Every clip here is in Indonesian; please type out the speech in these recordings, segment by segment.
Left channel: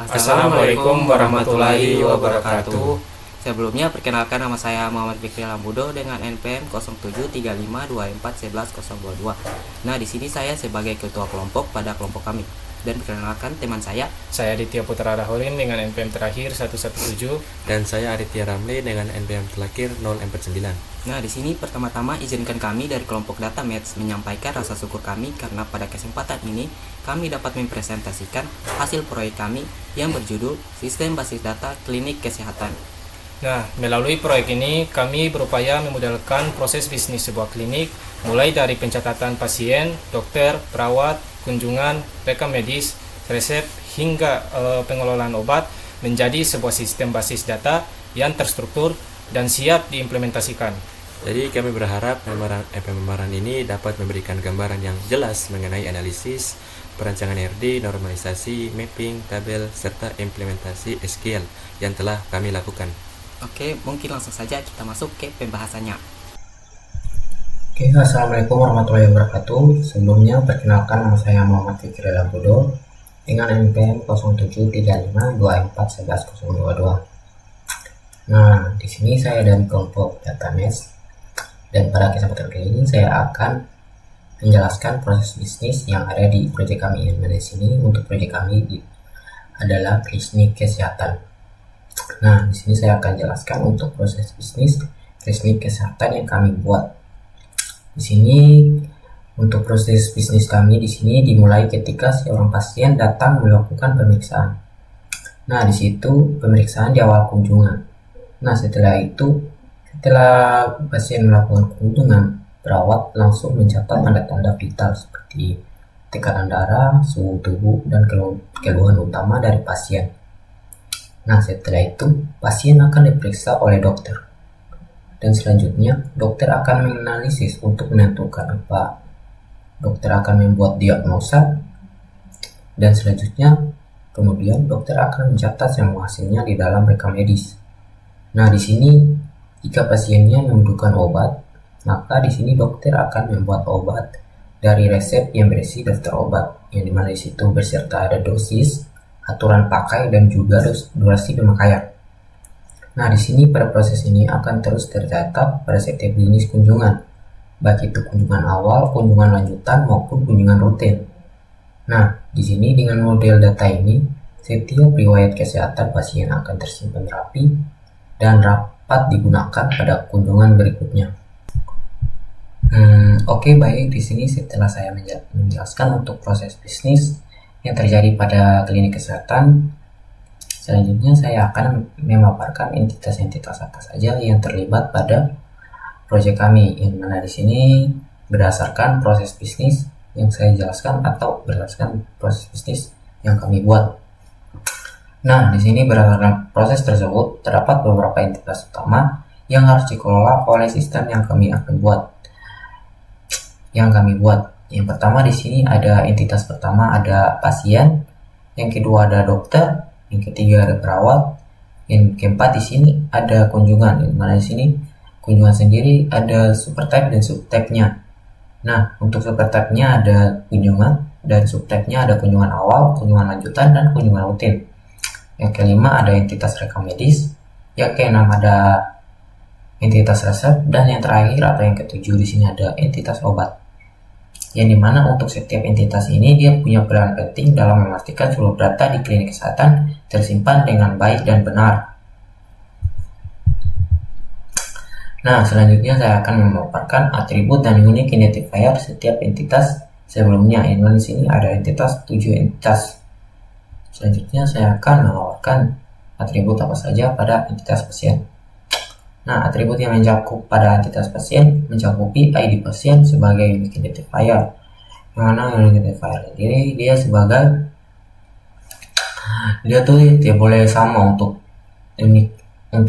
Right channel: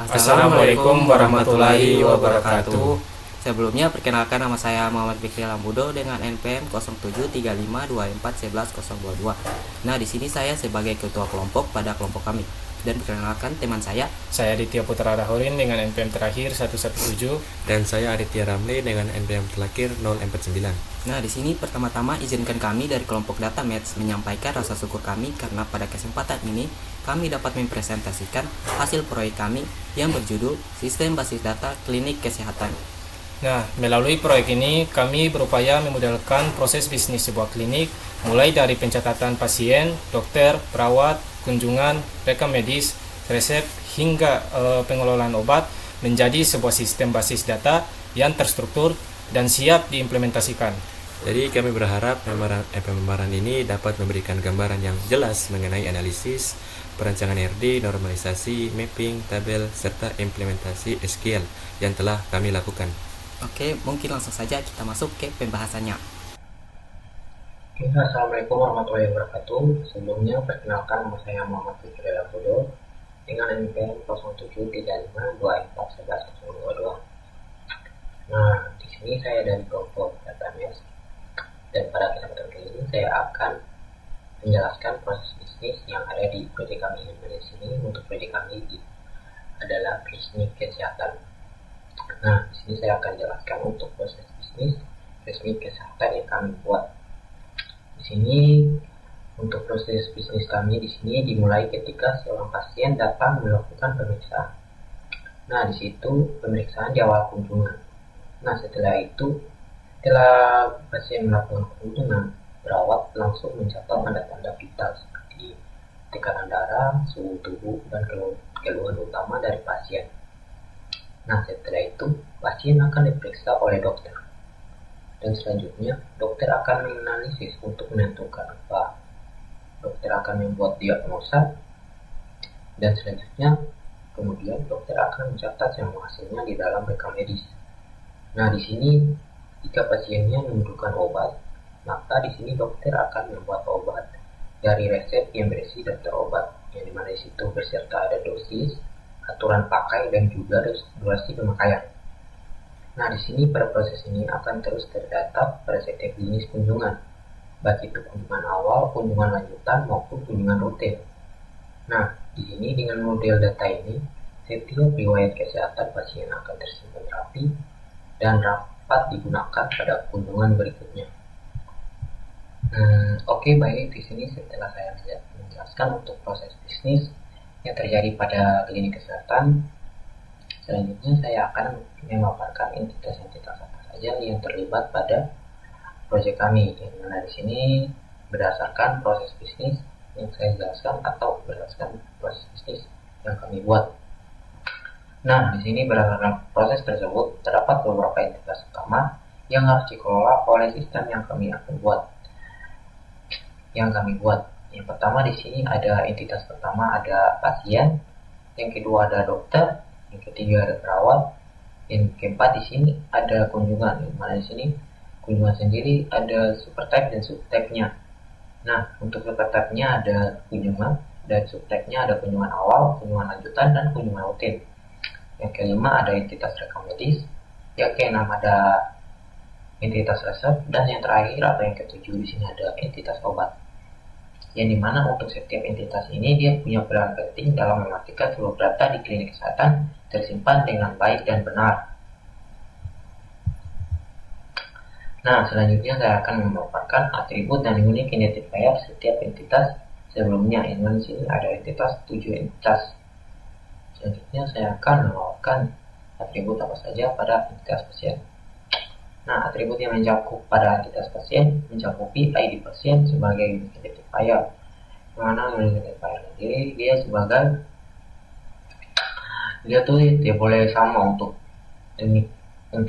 Assalamualaikum warahmatullahi wabarakatuh. Sebelumnya perkenalkan nama saya Muhammad Fikri Lambudo dengan NPM 0735241122. Nah, di sini saya sebagai ketua kelompok pada kelompok kami. Dan perkenalkan teman saya. Saya Aditya Putra Rahorin dengan NPM terakhir 117. Dan saya Aditya Ramli dengan NPM terakhir 049. Nah, di sini pertama-tama izinkan kami dari kelompok Data Maths menyampaikan rasa syukur kami karena pada kesempatan ini kami dapat mempresentasikan hasil proyek kami yang berjudul Sistem Basis Data Klinik Kesehatan. Nah, melalui proyek ini kami berupaya memodelkan proses bisnis sebuah klinik mulai dari pencatatan pasien, dokter, perawat, kunjungan, rekam medis, resep, hingga pengelolaan obat menjadi sebuah sistem basis data yang terstruktur dan siap diimplementasikan. Jadi kami berharap pemaparan ini dapat memberikan gambaran yang jelas mengenai analisis, perancangan RD, normalisasi, mapping, tabel, serta implementasi SQL yang telah kami lakukan. Oke, mungkin langsung saja kita masuk ke pembahasannya. Oke, assalamualaikum warahmatullahi wabarakatuh. Sebelumnya perkenalkan nama saya Muhammad Fikri Lambudo dengan NPM 0735241122. Nah, di sini saya dari kelompok Data Maths dan pada kesempatan kali ini saya akan menjelaskan proses bisnis yang ada di proyek kami. Di sini untuk proyek kami adalah klinik kesehatan. Nah, di sini saya akan jelaskan untuk proses bisnis klinik kesehatan yang kami buat. Di sini untuk proses bisnis kami di sini dimulai ketika seorang pasien datang melakukan pemeriksaan. Nah, di situ pemeriksaan di awal kunjungan. Nah, setelah pasien melakukan kunjungan, perawat langsung mencatat tanda-tanda vital seperti tekanan darah, suhu tubuh, dan keluhan utama dari pasien. Nah, setelah itu pasien akan diperiksa oleh dokter. Dan selanjutnya dokter akan menganalisis untuk menentukan apa. Dokter akan membuat diagnosa dan selanjutnya kemudian dokter akan mencatat semua hasilnya di dalam rekam medis. Nah, di sini jika pasiennya membutuhkan obat, maka di sini dokter akan membuat obat dari resep yang berisi daftar obat, yang dimana di situ beserta ada dosis, aturan pakai, dan juga durasi pemakaian. Nah, di sini pada proses ini akan terus tercatat pada setiap jenis kunjungan, baik itu kunjungan awal, kunjungan lanjutan, maupun kunjungan rutin. Nah, di sini dengan model data ini, setiap riwayat kesehatan pasien akan tersimpan rapi dan dapat digunakan pada kunjungan berikutnya. Oke, baik, di sini setelah saya menjelaskan untuk proses bisnis yang terjadi pada klinik kesehatan, selanjutnya saya akan memaparkan entitas-entitas apa saja yang terlibat pada proyek kami, yang mana di sini berdasarkan proses bisnis yang saya jelaskan atau berdasarkan proses bisnis yang kami buat. Nah, di sini berdasarkan proses tersebut terdapat beberapa entitas utama yang harus dikelola oleh sistem yang kami buat. Yang pertama di sini ada entitas pertama ada pasien, yang kedua ada dokter, yang ketiga ada perawat, yang keempat di sini ada kunjungan. Di mana di sini kunjungan sendiri ada supertype dan subtype-nya. Nah, untuk supertype-nya ada kunjungan dan subtype-nya ada kunjungan awal, kunjungan lanjutan, dan kunjungan rutin. Yang kelima ada entitas rekam medis, yang keenam ada entitas resep, dan yang terakhir atau yang ketujuh di sini ada entitas obat. Yang dimana untuk setiap entitas ini dia punya peran penting dalam memastikan seluruh data di klinik kesehatan tersimpan dengan baik dan benar. Nah, selanjutnya saya akan memaparkan atribut dan unique identifier setiap entitas sebelumnya. Di sini ada 7 entitas. Selanjutnya saya akan memaparkan atribut apa saja pada entitas pasien. Nah, atribut yang mencakup pada entitas pasien mencakupi ID pasien sebagai unique identifier. Yang mana unique identifier ini dia boleh sama untuk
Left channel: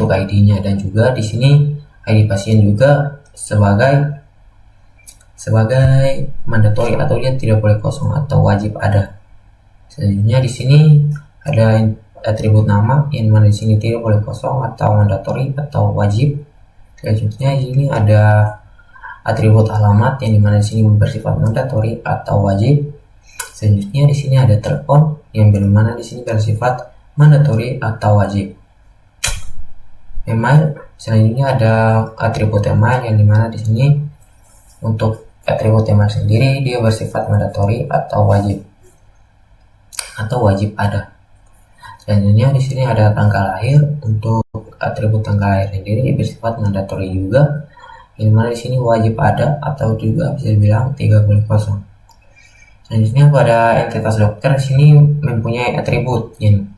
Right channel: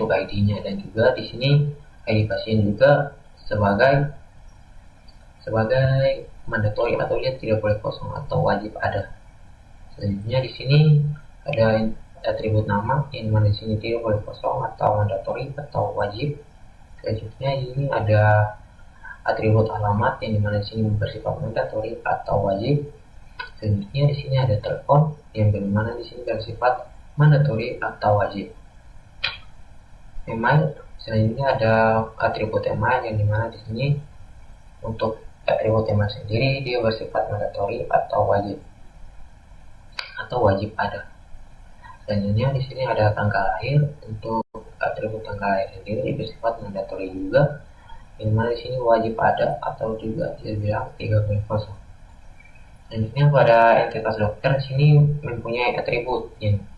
ID-nya, dan juga di sini ID pasien juga sebagai mandatory atau dia tidak boleh kosong atau wajib ada. Selanjutnya di sini ada atribut nama yang mana di sini tidak boleh kosong atau mandatory atau wajib. Selanjutnya di sini ada atribut alamat yang dimana di sini bersifat mandatory atau wajib. Selanjutnya di sini ada telepon yang dimana di sini bersifat mandatory atau wajib. Email selanjutnya ada atribut email, yang dimana di sini untuk atribut email sendiri dia bersifat mandatory atau wajib ada. Selanjutnya di sini ada tanggal lahir. Untuk atribut tanggal lahir sendiri bersifat mandatory juga, yang dimana di sini wajib ada atau juga bisa dibilang 30. Selanjutnya pada entitas dokter di sini mempunyai atribut yang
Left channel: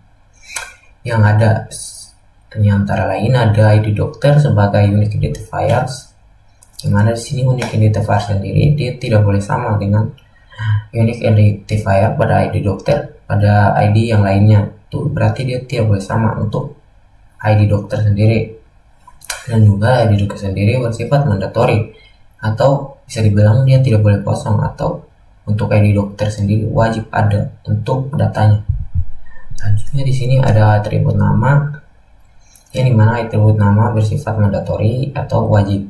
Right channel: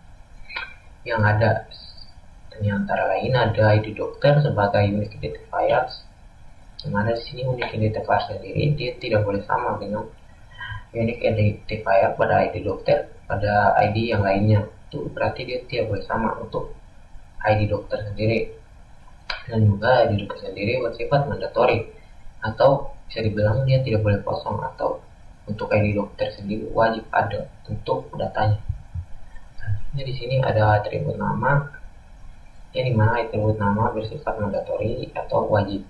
ada, yang antara lain ada ID dokter sebagai unique identifiers, yang mana di sini unique identifier sendiri dia tidak boleh sama dengan unique identifier pada ID dokter pada ID yang lainnya. Itu berarti dia tidak boleh sama untuk ID dokter sendiri. Dan juga ID dokter sendiri bersifat mandatory atau bisa dibilang dia tidak boleh kosong, atau untuk ID dokter sendiri wajib ada untuk datanya. Selanjutnya di sini ada atribut nama, yang dimana atribut nama bersifat mandatory atau wajib.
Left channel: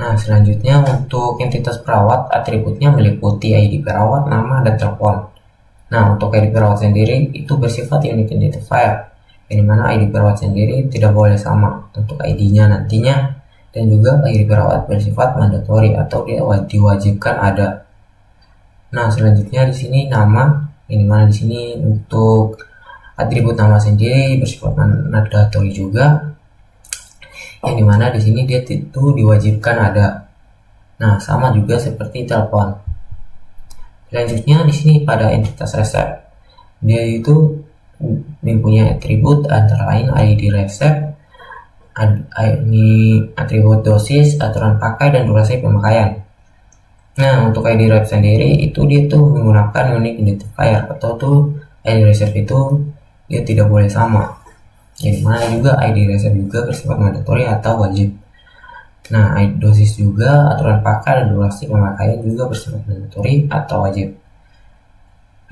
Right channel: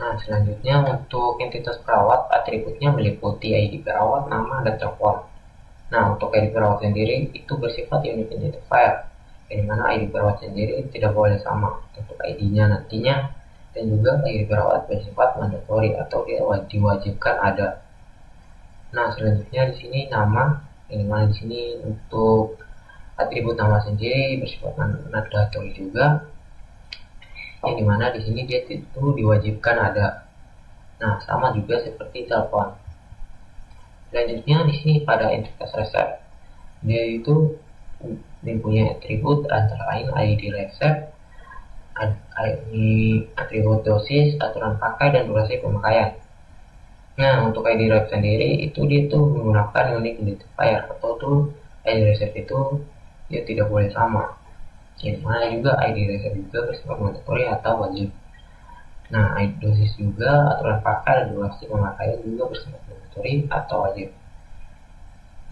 Nah, selanjutnya untuk entitas perawat, atributnya meliputi ID perawat, nama, dan telepon. Nah, untuk ID perawat sendiri itu bersifat unique identifier, yang dimana ID perawat sendiri tidak boleh sama untuk ID-nya nantinya, dan juga ID perawat bersifat mandatory atau dia diwajibkan ada. Nah, selanjutnya di sini nama, yang dimana di sini untuk atribut nama sendiri bersifat mandatory juga, yang dimana di sini dia itu diwajibkan ada. Nah, sama juga seperti telepon. Selanjutnya di sini pada entitas resep, dia itu mempunyai atribut antara lain ID resep, ini atribut dosis, aturan pakai, dan durasi pemakaian. Nah, untuk ID resep sendiri itu dia tuh menggunakan unique identifier, atau tuh ID resep itu dia tidak boleh sama. Jadi mana juga ID resep juga bersifat mandatory atau wajib. Nah, ID dosis juga, aturan pakai, dan durasi pemakaian juga bersifat mandatory atau wajib.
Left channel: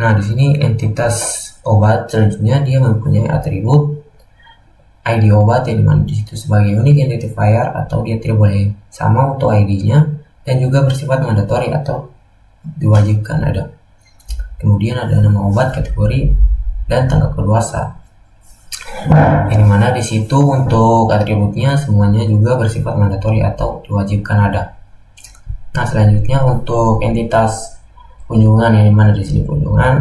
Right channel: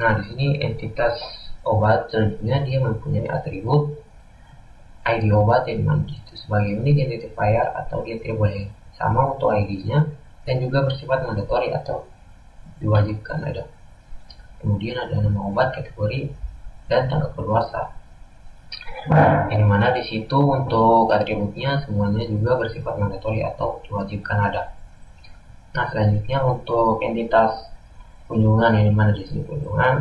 Nah, di sini entitas obat selanjutnya dia mempunyai atribut ID obat, yang dimana di situ sebagai unique identifier atau dia tidak boleh sama untuk ID-nya, dan juga bersifat mandatory atau diwajibkan ada. Kemudian ada nama obat, kategori, dan tanggal keluarsa. Yang dimana di situ untuk atributnya semuanya juga bersifat mandatory atau diwajibkan ada. Nah, selanjutnya untuk entitas kunjungan, yang dimana di sini kunjungan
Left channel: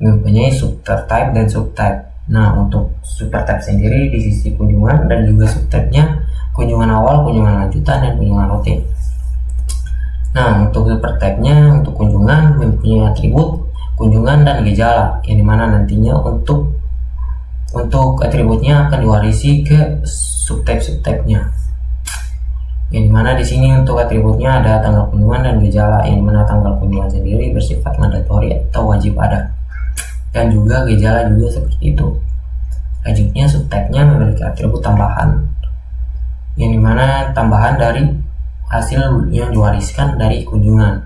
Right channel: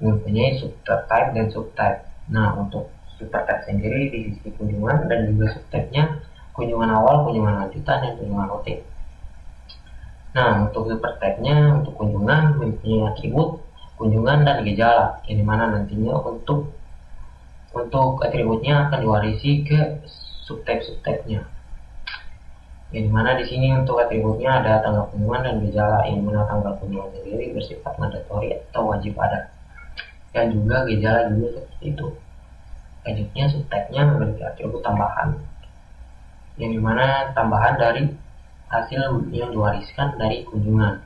mempunyai subtype dan subtype. Nah, untuk subtype sendiri di sisi kunjungan, dan juga subtype-nya kunjungan awal, kunjungan lanjutan, dan kunjungan rutin. Nah, untuk subtype-nya untuk kunjungan mempunyai atribut kunjungan dan gejala, yang dimana nantinya untuk atributnya akan diwarisi ke subtype-nya. Yang dimana di sini untuk atributnya ada tanggal kunjungan dan gejala, yang dimana tanggal kunjungan sendiri bersifat mandatory atau wajib ada, dan juga gejala juga seperti itu. Selanjutnya subtype-nya memiliki atribut tambahan, yang dimana tambahan dari hasil yang diwariskan dari kunjungan.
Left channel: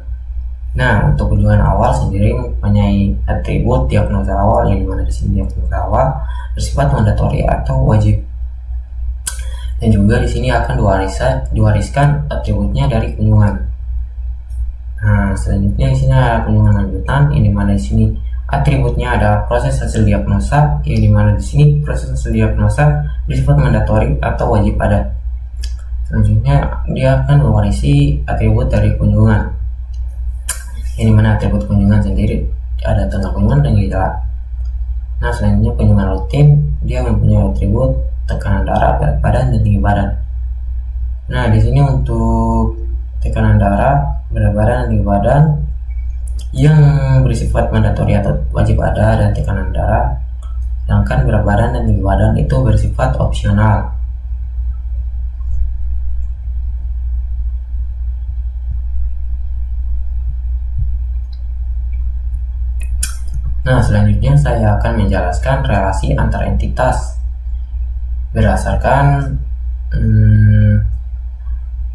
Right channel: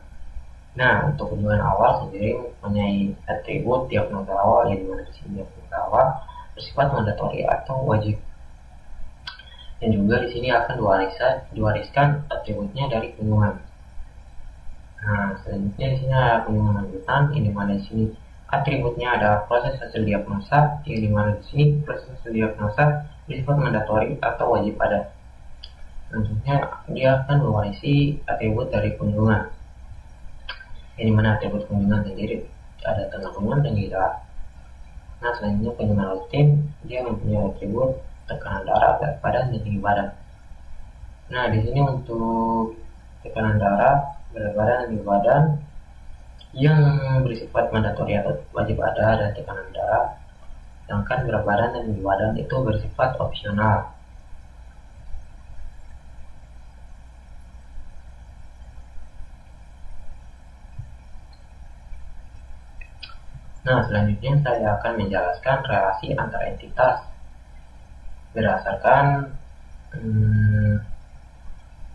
Nah, untuk kunjungan awal sendiri mempunyai atribut diagnosa awal, yang dimana di sini diagnosa awal bersifat mandatory atau wajib, dan juga di sini akan diwariskan atributnya dari kunjungan. Nah, selanjutnya di sini ada kunjungan lanjutan, yang dimana di sini atributnya adalah proses hasil diagnosa, yang dimana di sini proses hasil diagnosa bersifat mandatory atau wajib ada. Selanjutnya dia akan mewarisi atribut dari kunjungan, yang dimana atribut kunjungan sendiri ada tanggal kunjungan dan gejala. Nah, selanjutnya kunjungan rutin dia mempunyai atribut tekanan darah, berat badan, dan tinggi badan. Nah, di sini untuk tekanan darah, berat badan, dan tinggi badan yang bersifat mandatory atau wajib ada, dan tekanan darah, sedangkan berat badan dan tinggi badan itu bersifat opsional. Nah, selanjutnya saya akan menjelaskan relasi antar entitas berdasarkan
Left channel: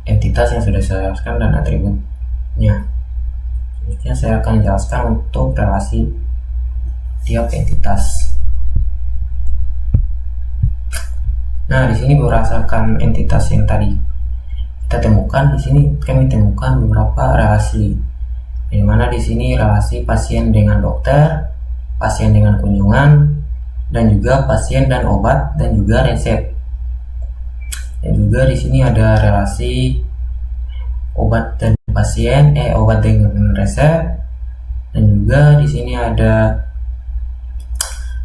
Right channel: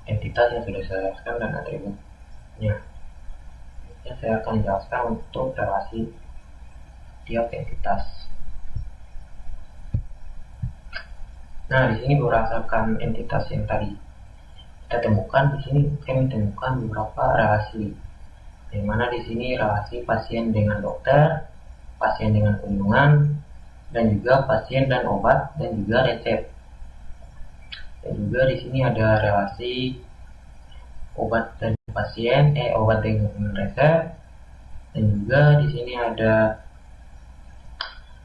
entitas yang sudah saya jelaskan dan atributnya. Selanjutnya saya akan menjelaskan untuk relasi tiap entitas. Nah, di sini berdasarkan entitas yang tadi kita temukan, di sini kami temukan beberapa relasi, di mana di sini relasi pasien dengan dokter, pasien dengan kunjungan, dan juga pasien dan obat, dan juga resep. Dan juga di sini ada relasi obat dan pasien, obat dengan resep, dan juga di sini ada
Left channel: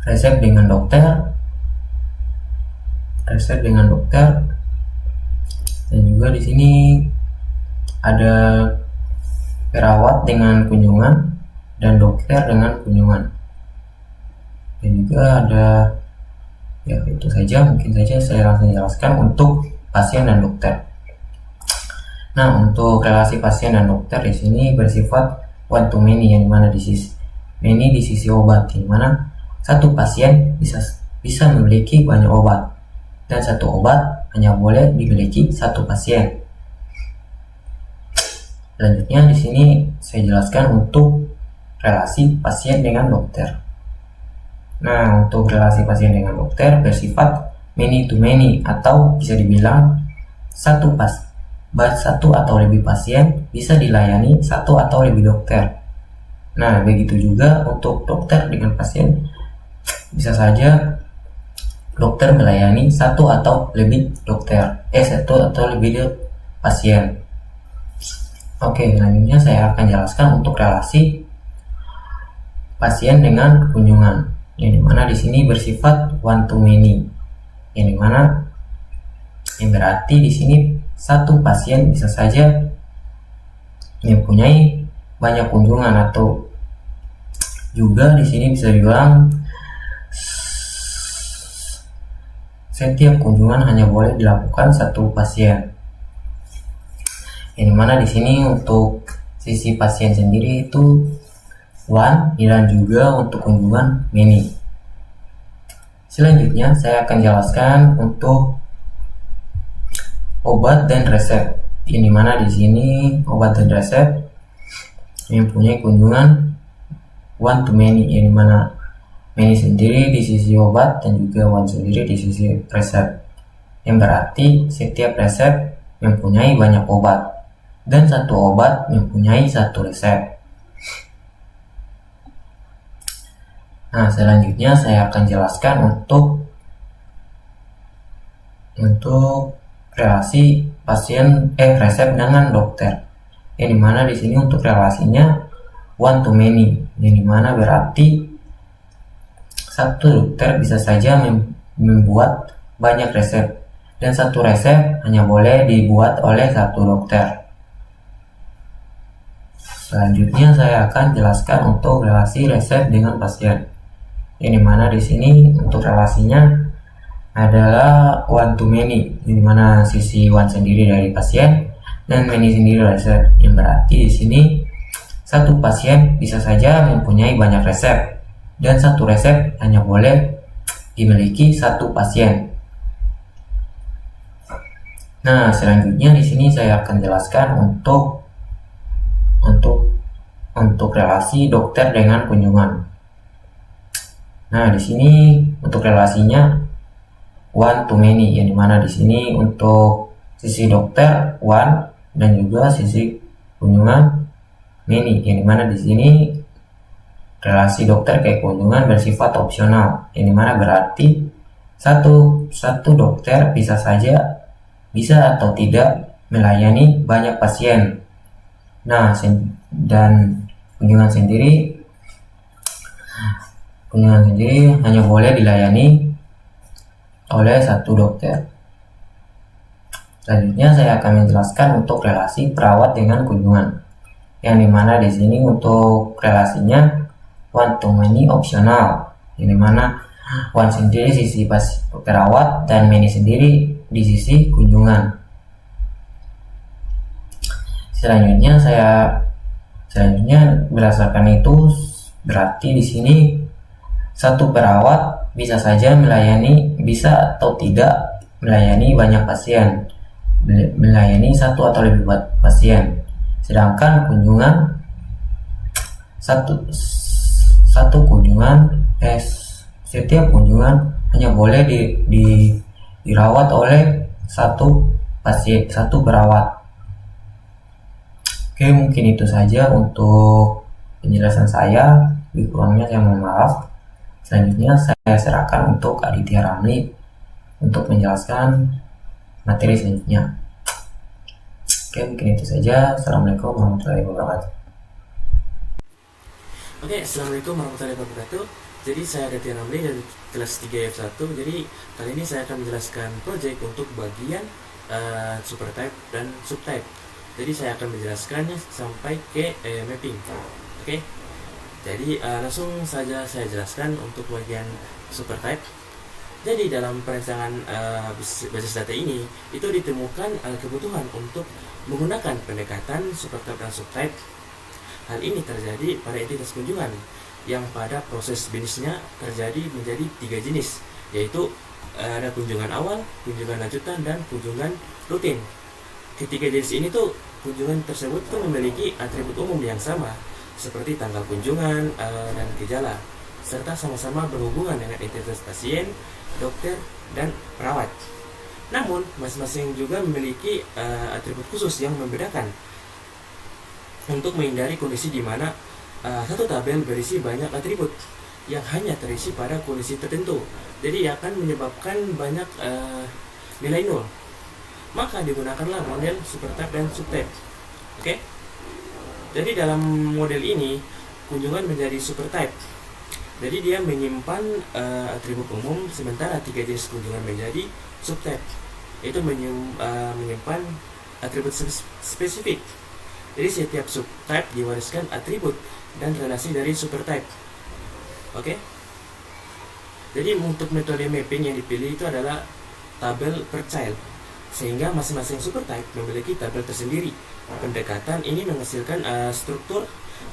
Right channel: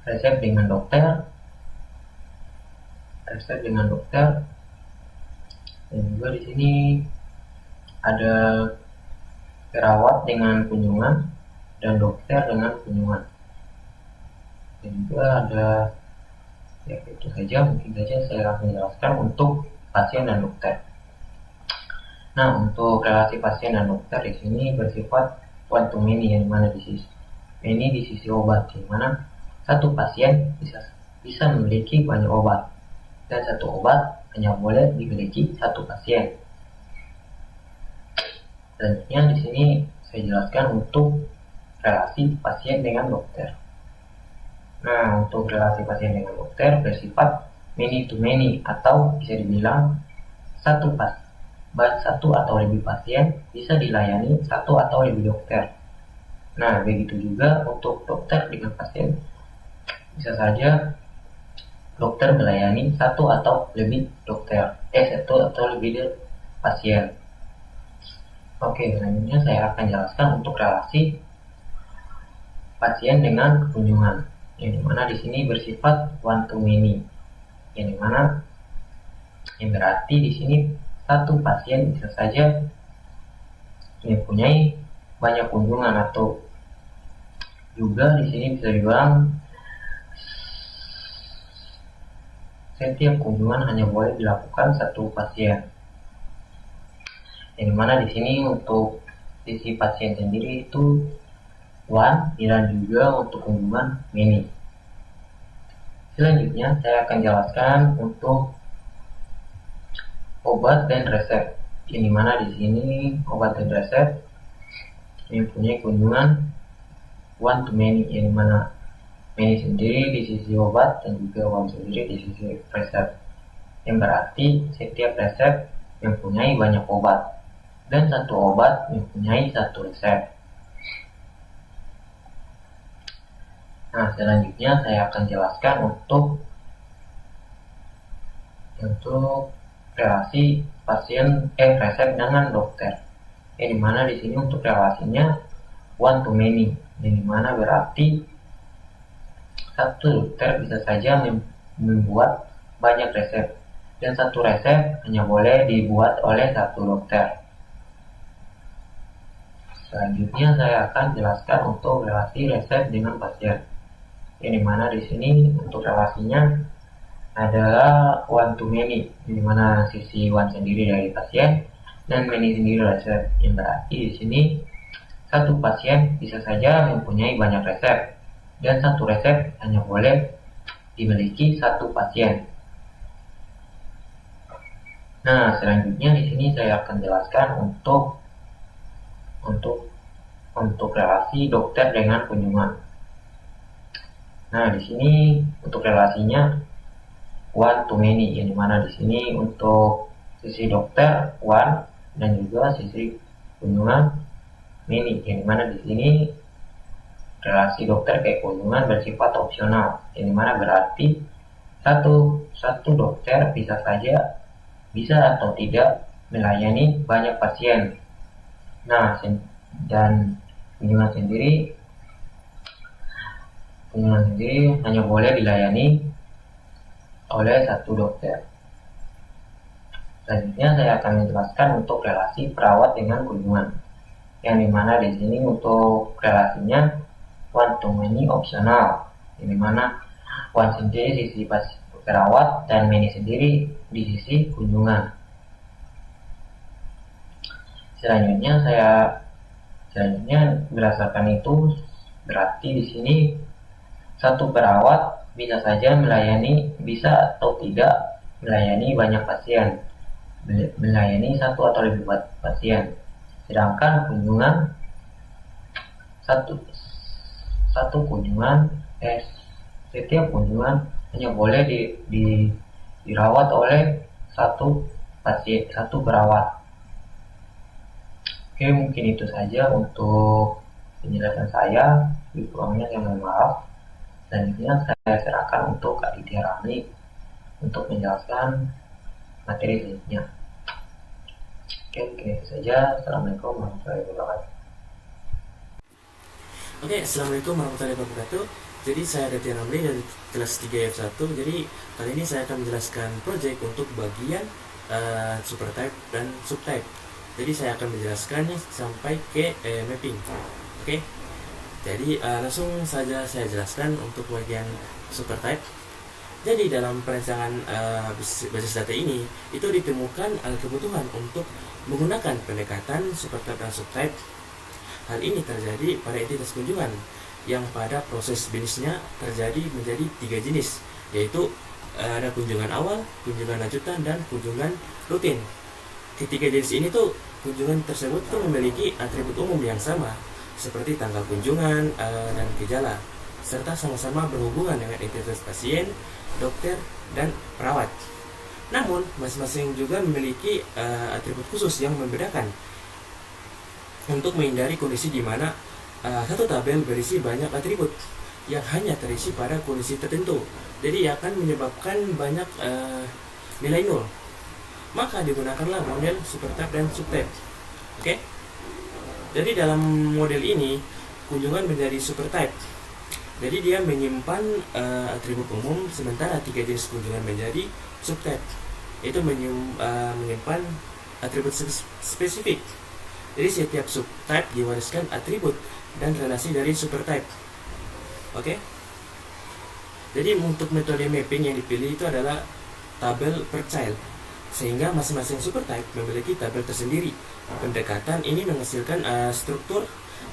resep dengan dokter, dan juga di sini ada perawat dengan kunjungan dan dokter dengan kunjungan. Dan juga ada, ya itu saja, mungkin saja saya langsung jelaskan untuk pasien dan dokter. Nah, untuk relasi pasien dan dokter di sini bersifat one to many, yang dimana di sisi obat, di mana satu pasien bisa memiliki banyak obat, dan satu obat hanya boleh dimiliki satu pasien. Selanjutnya di sini saya jelaskan untuk relasi pasien dengan dokter. Nah, untuk relasi pasien dengan dokter bersifat many to many, atau bisa dibilang satu atau lebih pasien bisa dilayani satu atau lebih dokter. Nah, begitu juga untuk dokter dengan pasien, bisa saja dokter melayani satu atau lebih pasien. Oke, selanjutnya saya akan jelaskan untuk relasi pasien dengan kunjungan, yang dimana di sini bersifat one to many, yang berarti di sini satu pasien bisa saja mempunyai banyak kunjungan, atau juga di sini bisa dibilang setiap kunjungan hanya boleh dilakukan satu pasien. Yang mana di sini untuk sisi pasien sendiri itu one, dan juga untuk kunjungan many. Selanjutnya saya akan jelaskan untuk obat dan resep. Yang mana di sini obat dan resep mempunyai kunjungan one to many, yang mana many sendiri di sisi obat dan juga one sendiri di sisi resep. Yang berarti setiap resep mempunyai banyak obat, dan satu obat mempunyai satu resep. Nah, selanjutnya saya akan jelaskan untuk relasi resep dengan dokter. Yang dimana di sini untuk relasinya one to many, yang dimana berarti satu dokter bisa saja membuat banyak resep, dan satu resep hanya boleh dibuat oleh satu dokter. Selanjutnya saya akan jelaskan untuk relasi resep dengan pasien. Yang dimana di sini untuk relasinya adalah one to many, yang dimana sisi one sendiri dari pasien dan many sendiri resep. Yang berarti di sini satu pasien bisa saja mempunyai banyak resep, dan satu resep hanya boleh dimiliki satu pasien. Nah, selanjutnya di sini saya akan jelaskan untuk relasi dokter dengan kunjungan. Nah, di sini untuk relasinya one to many, yang dimana di sini untuk sisi dokter one dan juga sisi kunjungan many, yang dimana di sini relasi dokter ke kunjungan bersifat opsional, yang dimana berarti satu dokter bisa atau tidak melayani banyak pasien. Nah, dan kunjungan sendiri hanya boleh dilayani oleh satu dokter. Selanjutnya saya akan menjelaskan untuk relasi perawat dengan kunjungan, yang dimana di sini untuk relasinya one to many opsional, yang dimana one sendiri sisi perawat dan many sendiri di sisi kunjungan. Selanjutnya berdasarkan itu berarti di sini satu perawat bisa saja bisa atau tidak melayani banyak pasien, melayani satu atau lebih pasien. Sedangkan kunjungan setiap kunjungan hanya boleh dirawat oleh satu pasien, satu perawat. Oke, mungkin itu saja untuk penjelasan saya. Lebih kurangnya saya mohon maaf. Selanjutnya saya serahkan untuk Aditya Ramli untuk menjelaskan materi selanjutnya. Oke, mungkin itu saja. Assalamualaikum warahmatullahi wabarakatuh. Oke, assalamualaikum warahmatullahi wabarakatuh. Jadi saya Aditya Ramli dari kelas 3F1. Jadi kali ini saya akan menjelaskan project untuk bagian supertype dan subtype. Jadi saya akan menjelaskannya sampai ke mapping. Oke. Jadi langsung saja saya jelaskan untuk bagian supertype. Jadi dalam perancangan basis data ini itu ditemukan kebutuhan untuk menggunakan pendekatan supertype dan subtype. Hal ini terjadi pada entitas kunjungan yang pada proses bisnisnya terjadi menjadi 3 jenis, yaitu ada kunjungan awal, kunjungan lanjutan, dan kunjungan rutin. Ketiga jenis ini tuh kunjungan tersebut tuh memiliki atribut umum yang sama seperti tanggal kunjungan dan gejala, serta sama-sama berhubungan dengan entitas pasien, dokter, dan perawat. Namun, masing-masing juga memiliki atribut khusus yang membedakan untuk menghindari kondisi di mana satu tabel berisi banyak atribut yang hanya terisi pada kondisi tertentu. Jadi akan menyebabkan banyak nilai nol. Maka digunakanlah model supertype dan subtype. Oke? Jadi dalam model ini kunjungan menjadi supertype. Jadi dia menyimpan atribut umum, sementara 3 jenis kunjungan menjadi subtype. Itu menyimpan atribut spesifik. Jadi setiap subtype diwariskan atribut dan relasi dari supertype. Oke? Jadi untuk metode mapping yang dipilih itu adalah tabel per child, sehingga masing-masing supertype memiliki tabel tersendiri. Pendekatan ini menghasilkan struktur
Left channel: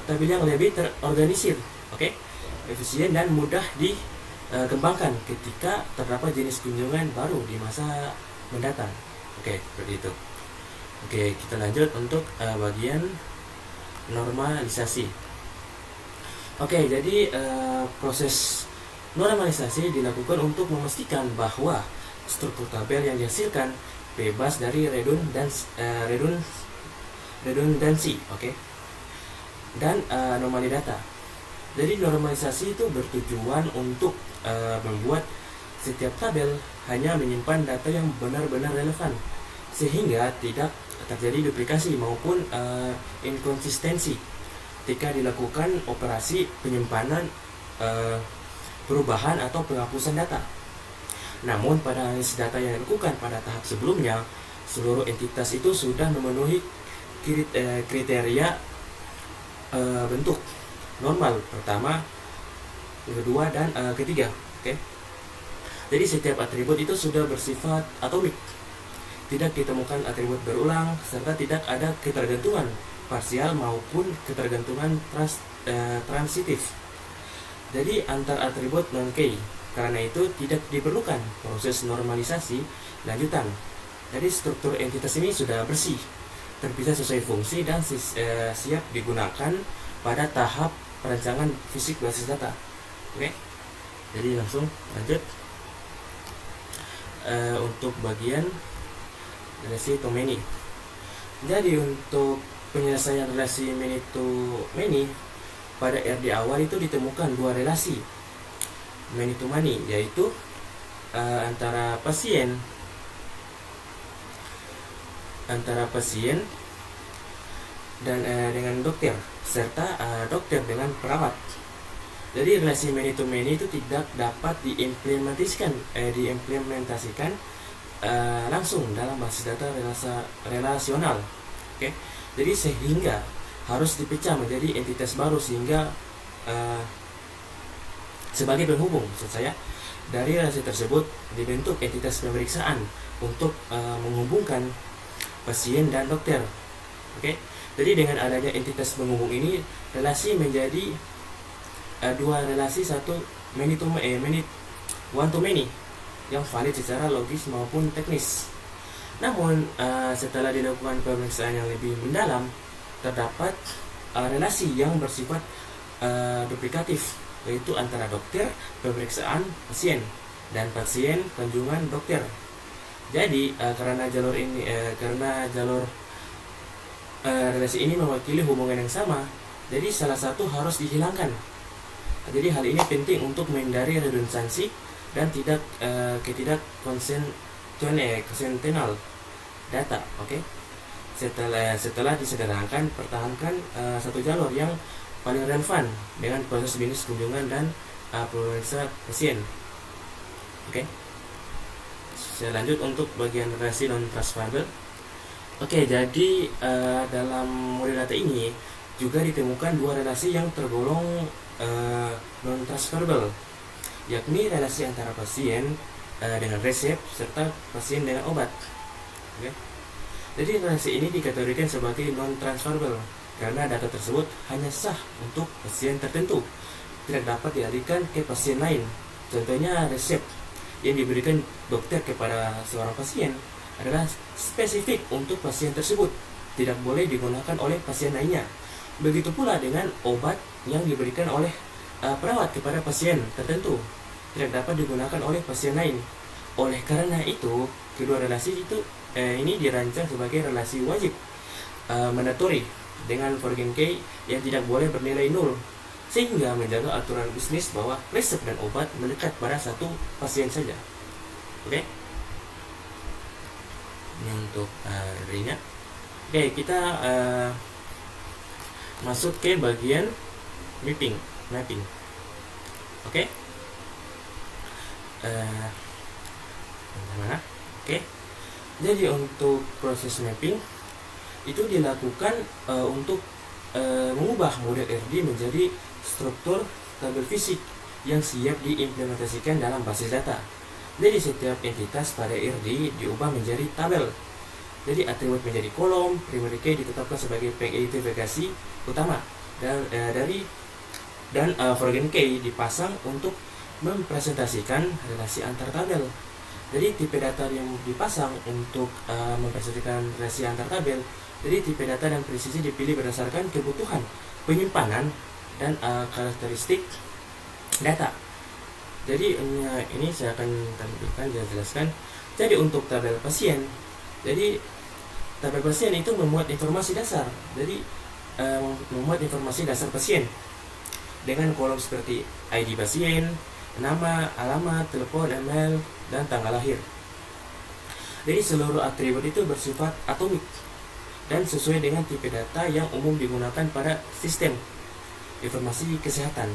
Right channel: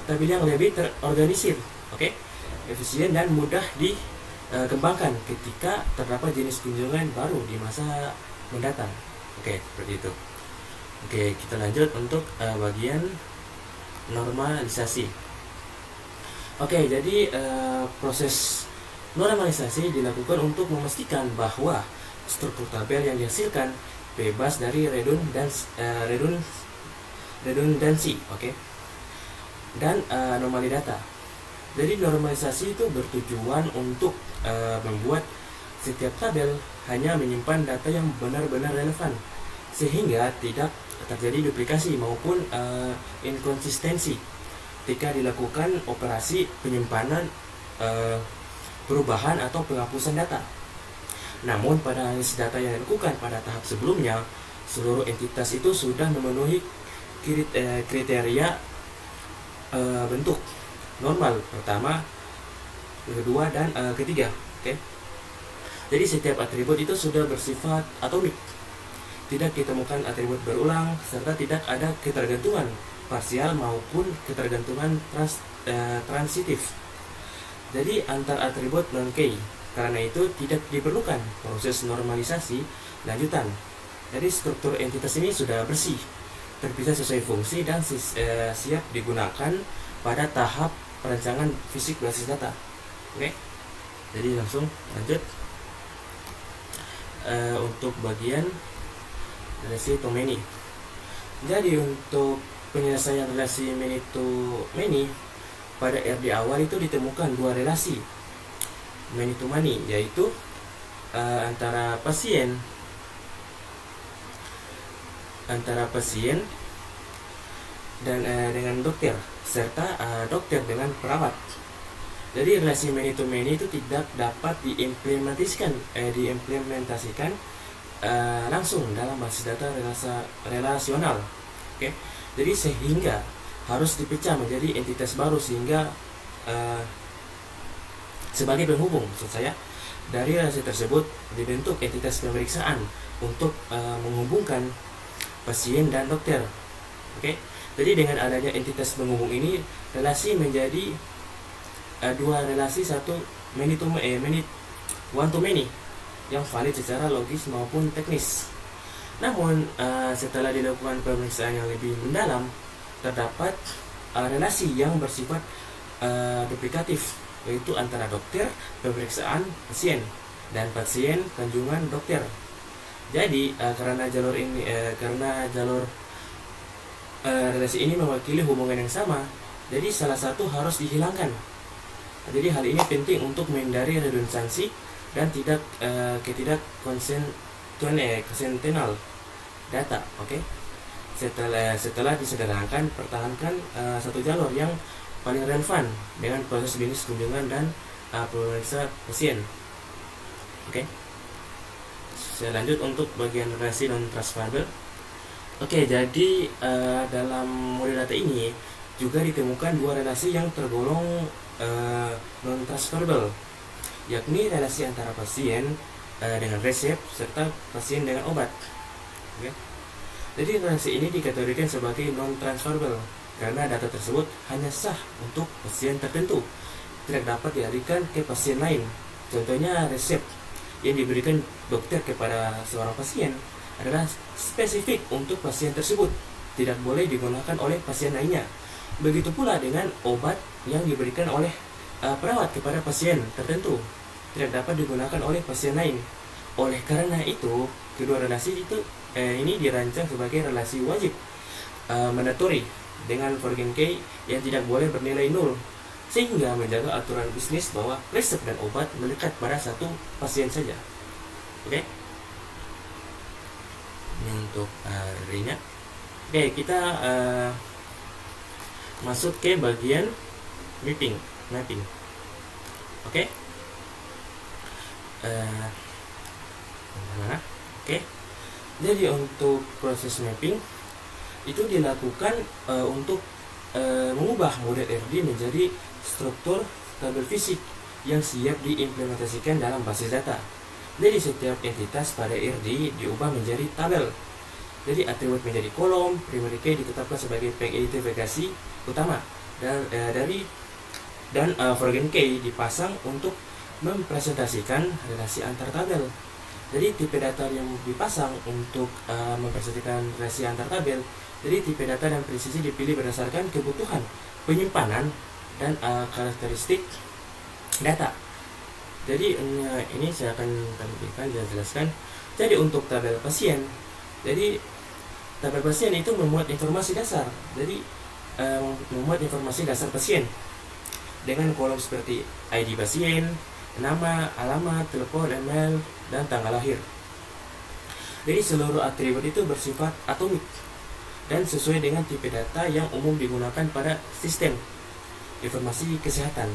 tabel yang lebih terorganisir, oke, efisien dan mudah dikembangkan ketika terdapat jenis kunjungan baru di masa mendatang. Oke, seperti itu. Oke, kita lanjut untuk bagian normalisasi. Oke, jadi proses normalisasi dilakukan untuk memastikan bahwa struktur tabel yang dihasilkan bebas dari redundansi, oke, dan anomali data. Jadi normalisasi itu bertujuan untuk membuat setiap tabel hanya menyimpan data yang benar-benar relevan, sehingga tidak terjadi duplikasi maupun inkonsistensi ketika dilakukan operasi penyimpanan, perubahan atau penghapusan data. Namun pada analisis data yang dilakukan pada tahap sebelumnya, seluruh entitas itu sudah memenuhi kriteria bentuk normal pertama, kedua, dan ketiga. Oke. Jadi setiap atribut itu sudah bersifat atomik, tidak ditemukan atribut berulang, serta tidak ada ketergantungan parsial maupun ketergantungan transitif. Jadi antar atribut non-key. Karena itu tidak diperlukan proses normalisasi lanjutan. Jadi struktur entitas ini sudah bersih, terpisah sesuai fungsi, dan siap digunakan pada tahap perancangan fisik basis data. Oke. Jadi langsung lanjut untuk bagian relasi to many. Jadi untuk penyelesaian relasi many to many, pada RD awal itu ditemukan 2 relasi many to many, yaitu antara pasien dan dengan dokter, serta dokter dengan perawat. Jadi relasi many to many itu tidak dapat diimplementasikan langsung dalam basis data relasional. Oke. Jadi sehingga harus dipecah menjadi entitas baru, sehingga sebagai penghubung, maksud saya, dari relasi tersebut dibentuk entitas pemeriksaan untuk menghubungkan pasien dan dokter. Oke. Jadi dengan adanya entitas penghubung ini, relasi menjadi 2 relasi, satu one to many yang valid secara logis maupun teknis. Namun setelah dilakukan pemeriksaan yang lebih mendalam, terdapat relasi yang bersifat duplikatif, yaitu antara dokter pemeriksaan pasien dan pasien kunjungan dokter. Jadi karena jalur relasi ini mewakili hubungan yang sama, jadi salah satu harus dihilangkan. Jadi hal ini penting untuk menghindari redundansi dan konsentenal data. Oke. Setelah disederhanakan, pertahankan satu jalur yang paling relevan dengan proses bisnis kunjungan dan pemeriksa pasien. Oke. Saya lanjut untuk bagian relasi non transferable. Oke, jadi dalam model data ini juga ditemukan dua relasi yang tergolong non transferable, yakni relasi antara pasien dengan resep serta pasien dengan obat. Oke. Jadi relasi ini dikategorikan sebagai non transferable karena data tersebut hanya sah untuk pasien tertentu, tidak dapat dialihkan ke pasien lain. Contohnya, resep yang diberikan dokter kepada seorang pasien adalah spesifik untuk pasien tersebut, tidak boleh digunakan oleh pasien lainnya. Begitu pula dengan obat yang diberikan oleh perawat kepada pasien tertentu, tidak dapat digunakan oleh pasien lain. Oleh karena itu, kedua relasi ini dirancang sebagai relasi wajib mandatory dengan Forgen K yang tidak boleh bernilai nol, sehingga menjaga aturan bisnis bahwa resep dan obat melekat pada satu pasien saja. Oke. Ini untuk harinya. Oke, kita masuk ke bagian mapping. Oke. Mana? Oke. Jadi untuk proses mapping itu dilakukan untuk mengubah model RD menjadi struktur tabel fisik yang siap diimplementasikan dalam basis data. Jadi setiap entitas pada RD diubah menjadi tabel. Jadi atribut menjadi kolom, primary key ditetapkan sebagai pengidentifikasi utama dan Forgen key dipasang untuk mempresentasikan relasi antar tabel. Jadi tipe data yang dipasang untuk mempresentasikan relasi antar tabel. Jadi tipe data dan presisi dipilih berdasarkan kebutuhan penyimpanan dan karakteristik data. Jadi ini saya akan tampilkan dan jelaskan. Jadi untuk tabel pasien, jadi tabel pasien itu memuat informasi dasar. Jadi memuat informasi dasar pasien dengan kolom seperti ID pasien, nama, alamat, telepon, email, dan tanggal lahir. Jadi seluruh atribut itu bersifat atomik dan sesuai dengan tipe data yang umum digunakan pada sistem informasi kesehatan.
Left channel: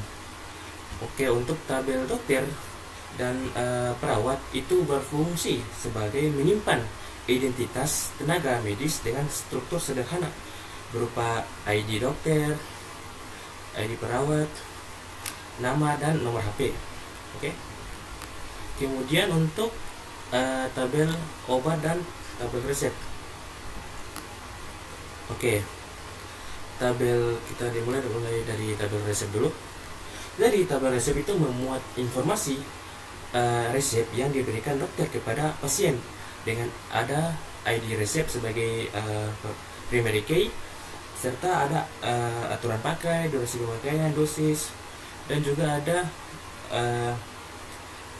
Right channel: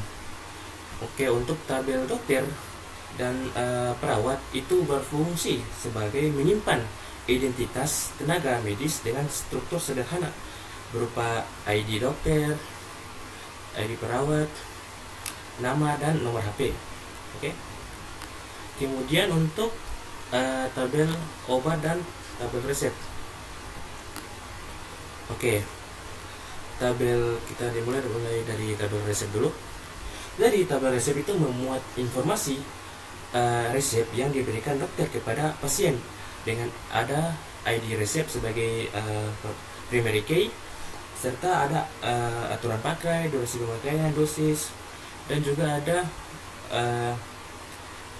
Oke, untuk tabel dokter dan perawat itu berfungsi sebagai menyimpan identitas tenaga medis dengan struktur sederhana berupa ID dokter, ID perawat, nama, dan nomor HP. Oke. Kemudian untuk tabel obat dan tabel resep. Oke. Tabel kita dimulai dari tabel resep dulu. Dari tabel resep itu memuat informasi resep yang diberikan dokter kepada pasien dengan ada ID resep sebagai primary key serta ada aturan pakai, durasi pemakaian, dosis, dan juga ada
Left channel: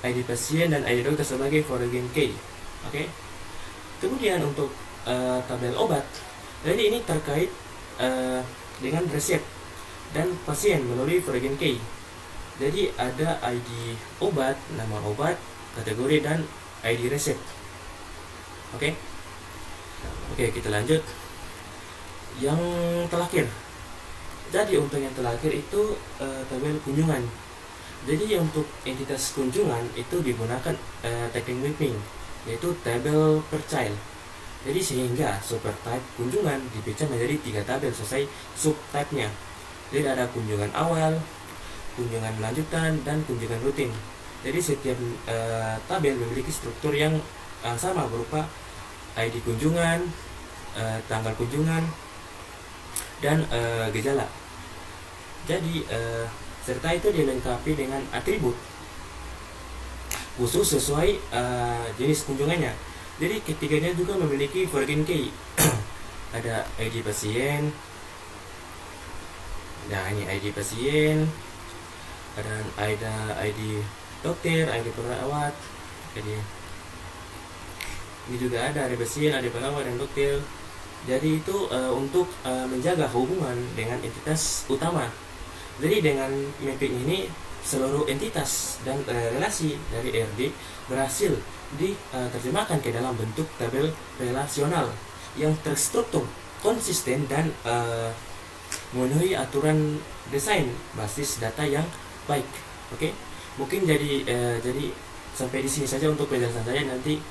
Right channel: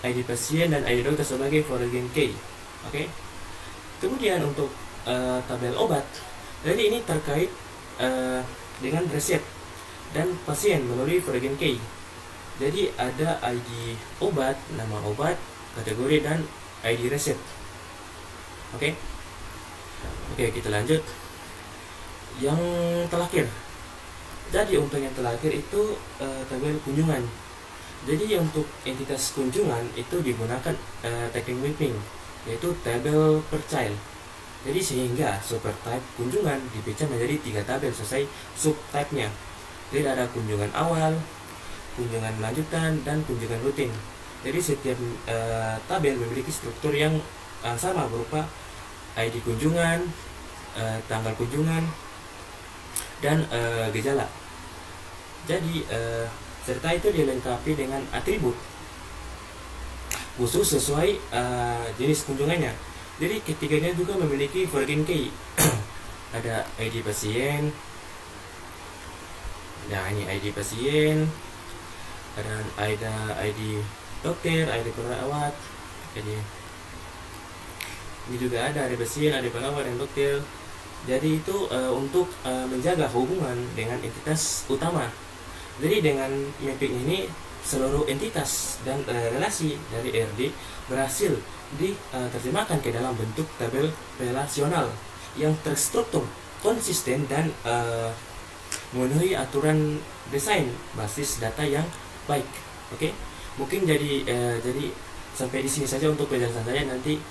ID pasien dan ID dokter sebagai Forgen key. Oke. Kemudian untuk tabel obat, jadi ini terkait dengan resep dan pasien melalui Forgen key. Jadi ada ID obat, nama obat, kategori, dan ID resep. Oke. Oke, kita lanjut. Yang terakhir. Jadi untuk yang terakhir itu tabel kunjungan. Jadi untuk entitas kunjungan itu digunakan teknik mapping, yaitu tabel per child. Jadi sehingga subtype kunjungan dipecah menjadi 3 tabel sesuai subtype-nya. Jadi ada kunjungan awal, kunjungan lanjutan, dan kunjungan rutin. Jadi setiap tabel memiliki struktur yang sama berupa ID kunjungan, tanggal kunjungan, dan gejala. Jadi serta itu dilengkapi dengan atribut khusus sesuai jenis kunjungannya. Jadi ketiganya juga memiliki Forgen key. Ada ID pasien. Nah, ini ID pasien. Ada ID dokter, ID perawat. Jadi ini juga ada pasien, ada perawat, dan dokter. Jadi itu untuk menjaga hubungan dengan entitas utama Jadi dengan mapping ini seluruh entitas dan relasi dari RD berhasil diterjemahkan ke dalam bentuk tabel relasional yang terstruktur, konsisten, dan memenuhi aturan desain basis data yang baik. Oke, mungkin jadi sampai di sini saja untuk penjelasan saya, nanti